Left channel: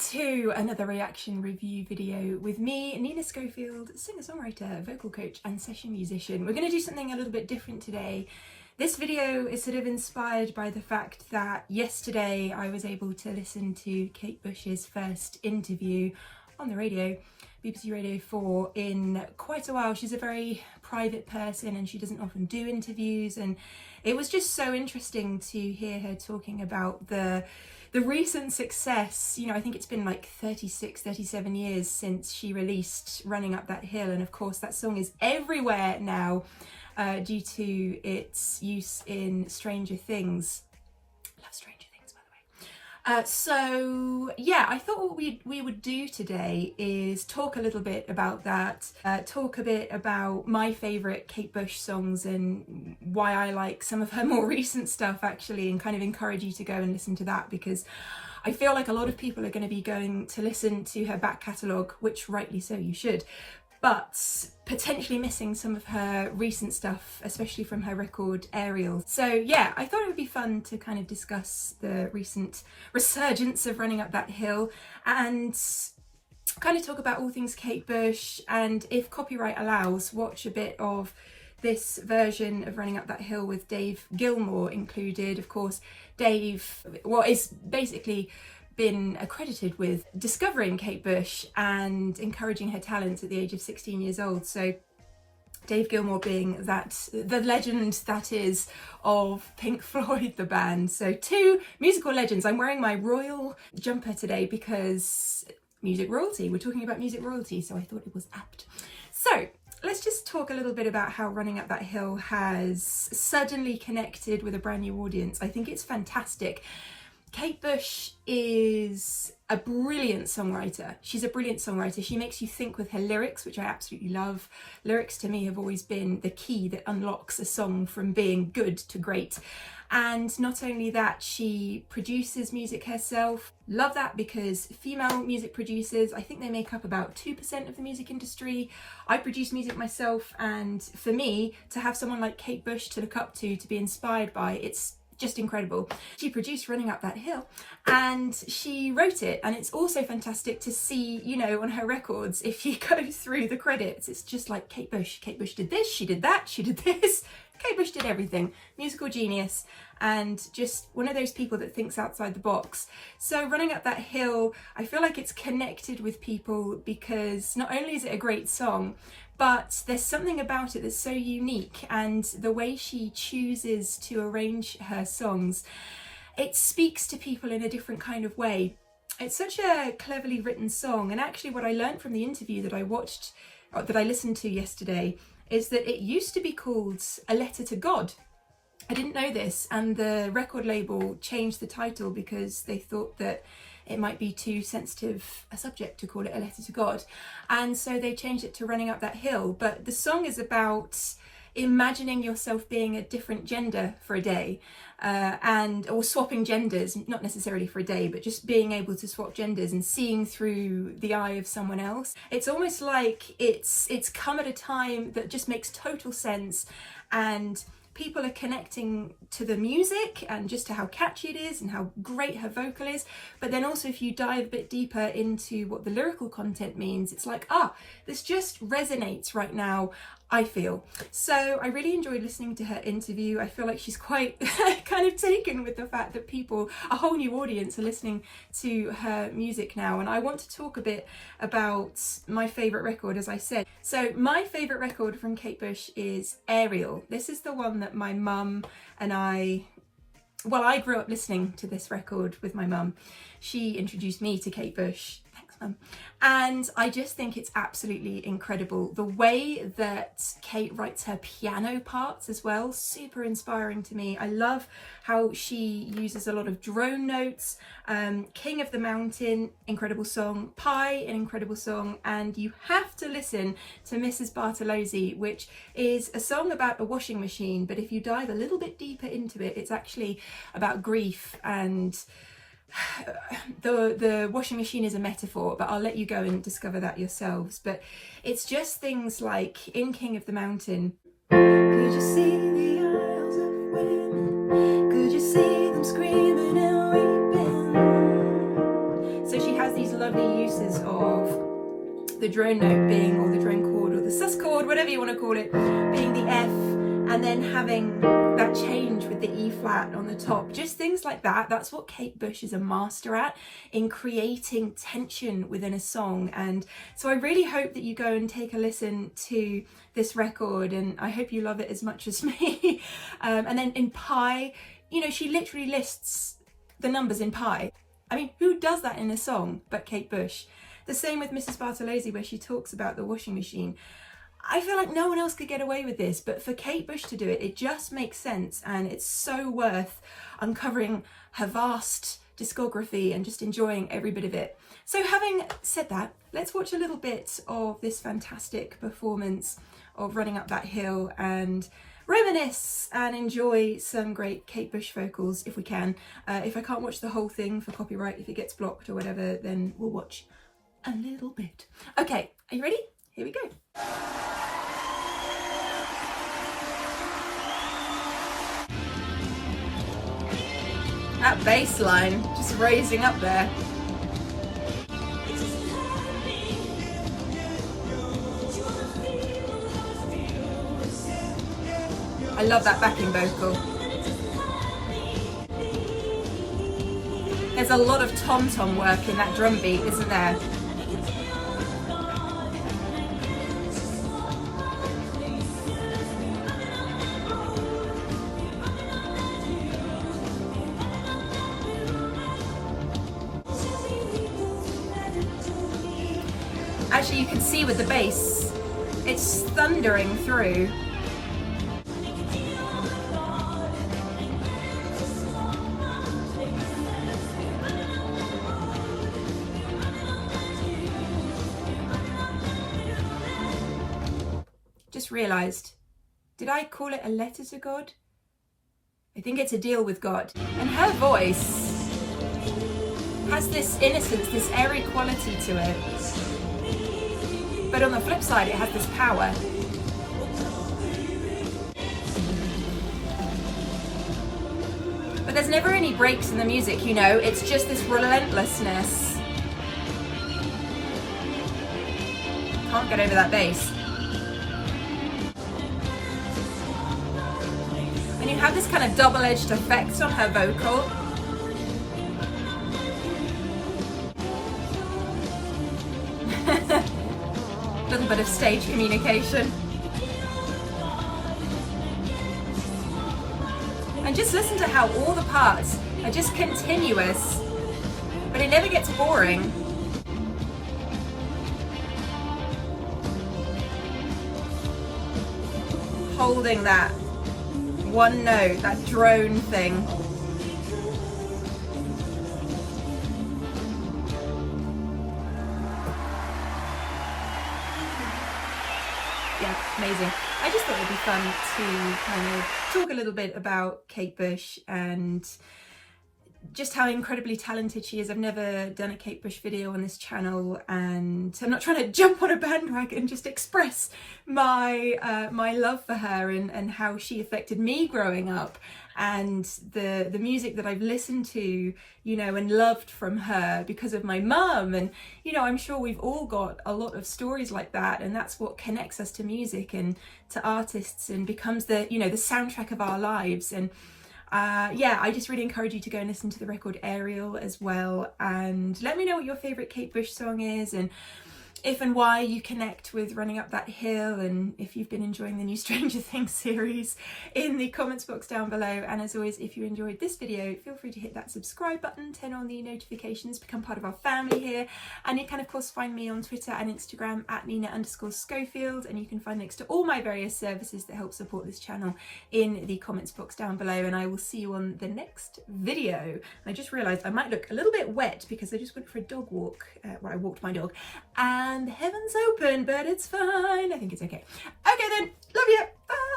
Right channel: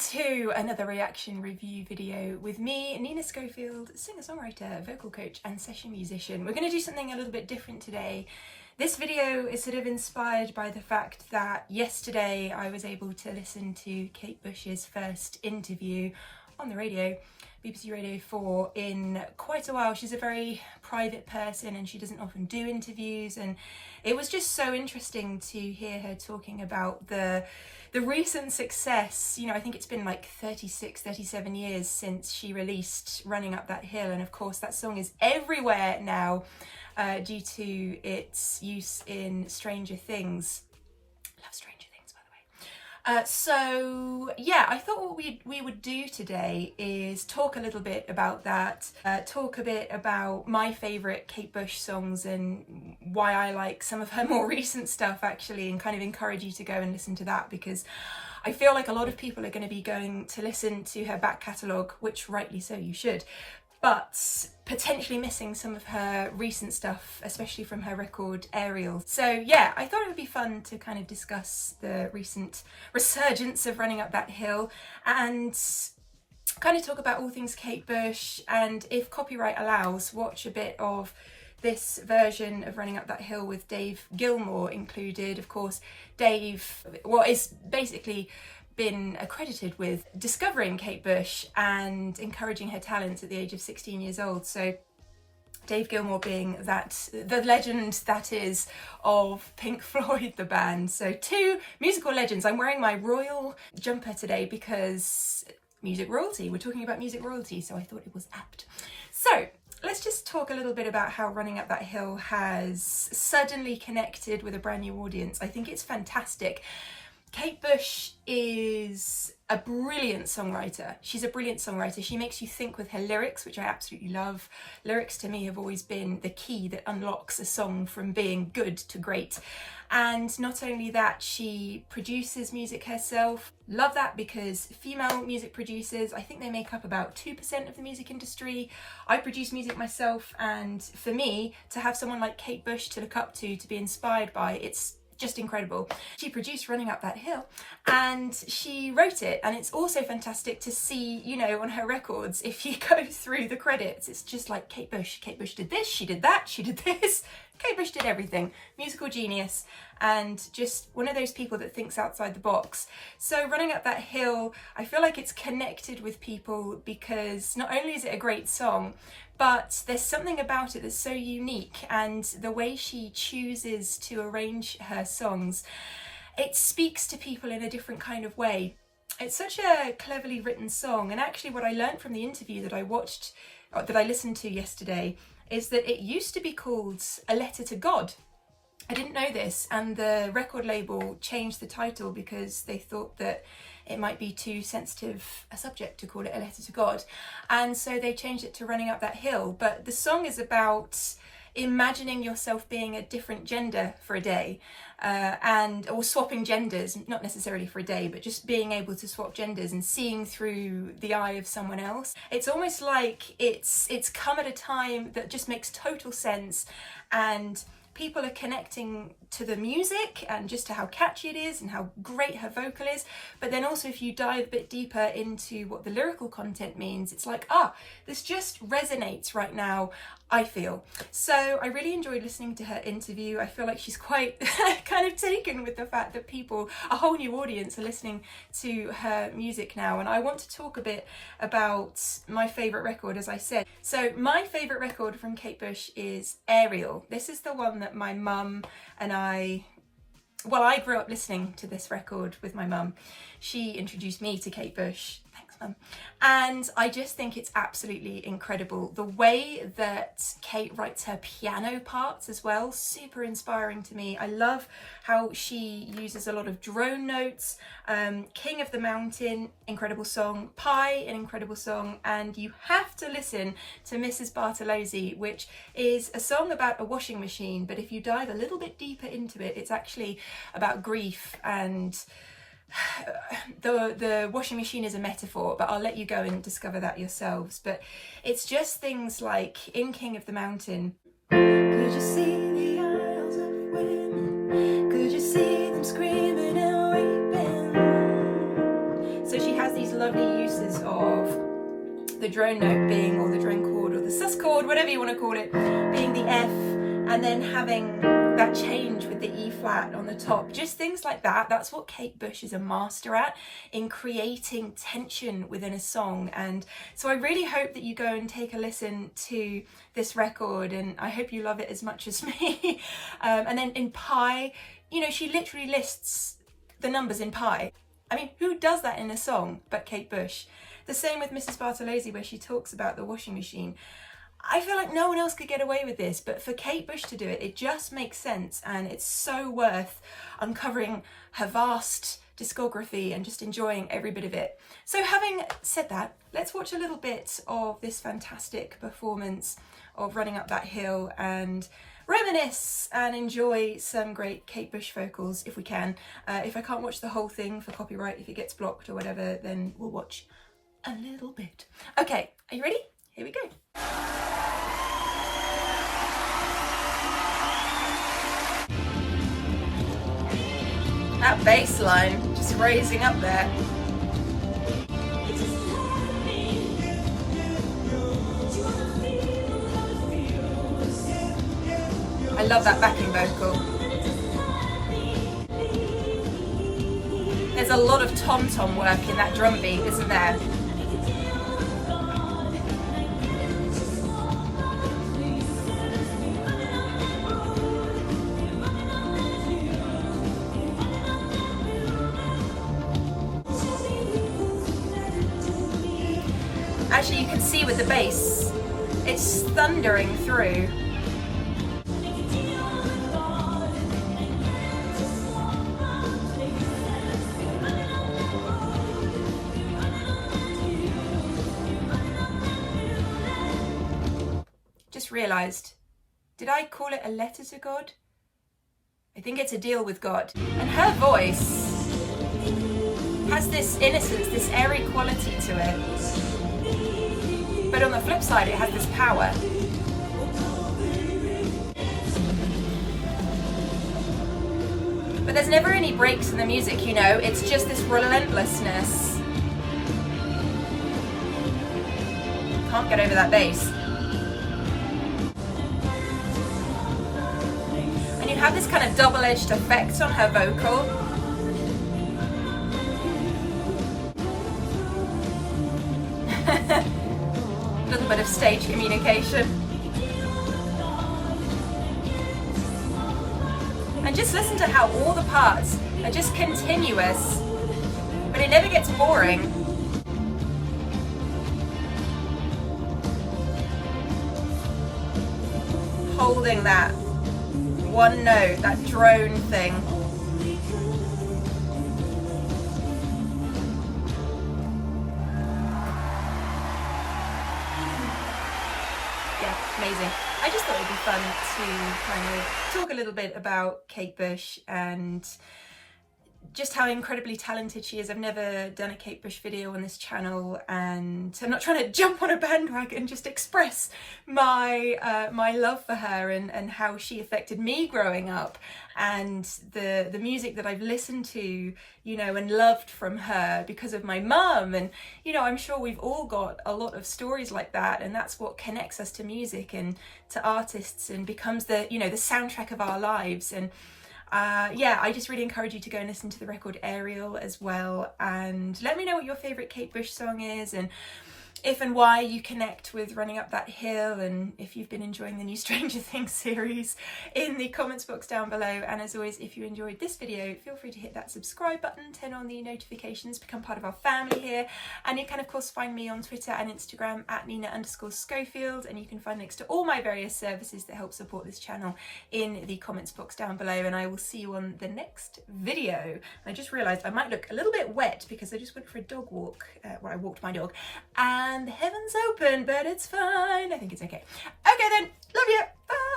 to another reaction review video with me, Nina Schofield, singer-songwriter, vocal coach and session musician. We're going to do something a little bit different today. This video is sort of inspired by the fact that yesterday I was able to listen to Kate Bush's first interview on the radio, BBC Radio 4, in quite a while. She's a very private person and she doesn't often do interviews, and it was just so interesting to hear her talking about the recent success. You know, I think it's been like 37 years since she released Running Up That Hill, and of course that song is everywhere now due to its use in Stranger Things. Love Stranger Things, by the way. So yeah, I thought what we would do today is talk a little bit about that, talk a bit about my favourite Kate Bush songs and why I like some of her more recent stuff actually, and kind of encourage you to go and listen to that, because I feel like a lot of people are going to be going to listen to her back catalogue, which rightly so you should, but potentially missing some of her recent stuff, especially from her record Ariel. So yeah, I thought it would be fun to kind of discuss the recent resurgence of Running Up That Hill and kind of talk about all things Kate Bush, and if copyright allows, watch a bit of this version of Running Up That Hill with Dave Gilmour included. Of course, Dave, well, is basically been accredited with discovering Kate Bush and encouraging her talents at the age of 16 years old. So Dave Gilmour being the legend that is of Pink Floyd, the band. So two musical legends. I'm wearing my royal jumper today because music royalty. We're talking about music royalty, so I thought it was apt. So let's just talk a little bit about how Running Up That Hill has suddenly connected with a brand new audience. I think it's fantastic. Kate Bush is a brilliant songwriter. She's a brilliant songwriter. She makes you think with her lyrics, which I absolutely love. Lyrics to me have always been the key that unlocks a song from being good to great. And not only that, she produces music herself. Love that, because female music producers, I think they make up about 2% of the music industry. I produce music myself, and for me to have someone like Kate Bush to look up to be inspired by, it's just incredible. She produced Running Up That Hill and she wrote it, and it's also fantastic to see, you know, on her records, if you go through the credits, it's just like Kate Bush did this, she did that, she did this. Kate Bush did everything. Musical genius, and just one of those people that thinks outside the box. So Running Up That Hill, I feel like it's connected with people because not only is it a great song, but there's something about it that's so unique, and the way she chooses to arrange her songs, it speaks to people in a different kind of way. It's such a cleverly written song, and actually what I learned from the interview that I listened to yesterday is that it used to be called A Letter to God. I didn't know this, and the record label changed the title because they thought that it might be too sensitive a subject to call it A Letter to God, and so they changed it to Running Up That Hill. But the song is about imagining yourself being a different gender for a day, or swapping genders, not necessarily for a day, but just being able to swap genders and seeing through the eye of someone else. It's almost like it's come at a time that just makes total sense, and people are connecting to the music and just to how catchy it is and how great her vocal is. But then also, if you dive a bit deeper into what the lyrical content means, it's like, this just resonates right now, I feel. So I really enjoyed listening to her interview. I feel like she's quite kind of taken with the fact that a whole new audience are listening to her music now. And I want to talk a bit about my favourite record, as I said. So my favourite record from Kate Bush is Ariel. This is the one that my mum and I grew up listening to this record with my mum. She introduced me to Kate Bush. And I just think it's absolutely incredible. The way that Kate writes her piano parts as well, super inspiring to me. I love how she uses a lot of drone notes. King of the Mountain, incredible song. Pie, an incredible song. And you have to listen to Mrs. Bartolozzi, which is a song about a washing machine, but if you dive a little bit deeper into it, it's actually about grief, and the washing machine is a metaphor, but I'll let you go and discover that yourselves. But it's just things like in King of the Mountain, could you see the isles of wind, could you see them screaming and weeping? So she has these the drone note being, or the drone chord, or the sus chord, whatever you want to call it, being the F, and then having that change with the E flat on the top. Just things like that. That's what Kate Bush is a master at, in creating tension within a song. And so I really hope that you go and take a listen to this record, and I hope you love it as much as me. And then in pi, you know, she literally lists the numbers in pi. I mean, who does that in a song but Kate Bush? The same with Mrs. Bartolozzi, where she talks about the washing machine. I feel like no one else could get away with this, but for Kate Bush to do it, it just makes sense, and it's so worth uncovering her vast discography and just enjoying every bit of it. So having said that, let's watch a little bit of this fantastic performance of Running Up That Hill and reminisce and enjoy some great Kate Bush vocals if we can. If I can't watch the whole thing for copyright, if it gets blocked or whatever, then we'll watch a little bit. Okay, are you ready? Here we go. That bass line just raising up there. I love that backing vocal. There's a lot of tom-tom work in that drum beat, isn't there? Actually, you can see with the bass, it's thundering through. Just realised, did I call it a letter to God? I think it's a deal with God. And her voice has this innocence, this airy quality to it. But on the flip side, it has this power. But there's never any breaks in the music, you know, it's just this relentlessness. Can't get over that bass. And you have this kind of double-edged effect on her vocal. Bit of stage communication. And just listen to how all the parts are just continuous, but it never gets boring. Holding that one note, that drone thing. Yeah, amazing. I just thought it'd be fun to kind of talk a little bit about Kate Bush and just how incredibly talented she is. I've never done a Kate Bush video on this channel, and I'm not trying to jump on a bandwagon, just express my my love for her and how she affected me growing up, and the music that I've listened to, you know, and loved from her because of my mum. And, you know, I'm sure we've all got a lot of stories like that, and that's what connects us to music and to artists and becomes the, you know, the soundtrack of our lives. And yeah, I just really encourage you to go and listen to the record Ariel as well, and let me know what your favourite Kate Bush song is, and if and why you connect with Running Up That Hill, and if you've been enjoying the new Stranger Things series, in the comments box down below. And as always, if you enjoyed this video, feel free to hit that subscribe button, turn on the notifications, become part of our family here. And you can of course find me on Twitter and Instagram at Nina_Schofield, and you can find links to all my various services that help support this channel in the comments box down below. And I will see you on the next video. I just realised I might look a little bit wet because I just went for a dog walk, well, I walked my dog, and the heavens open, but it's fine. I think it's okay. Okay then, love you. Bye.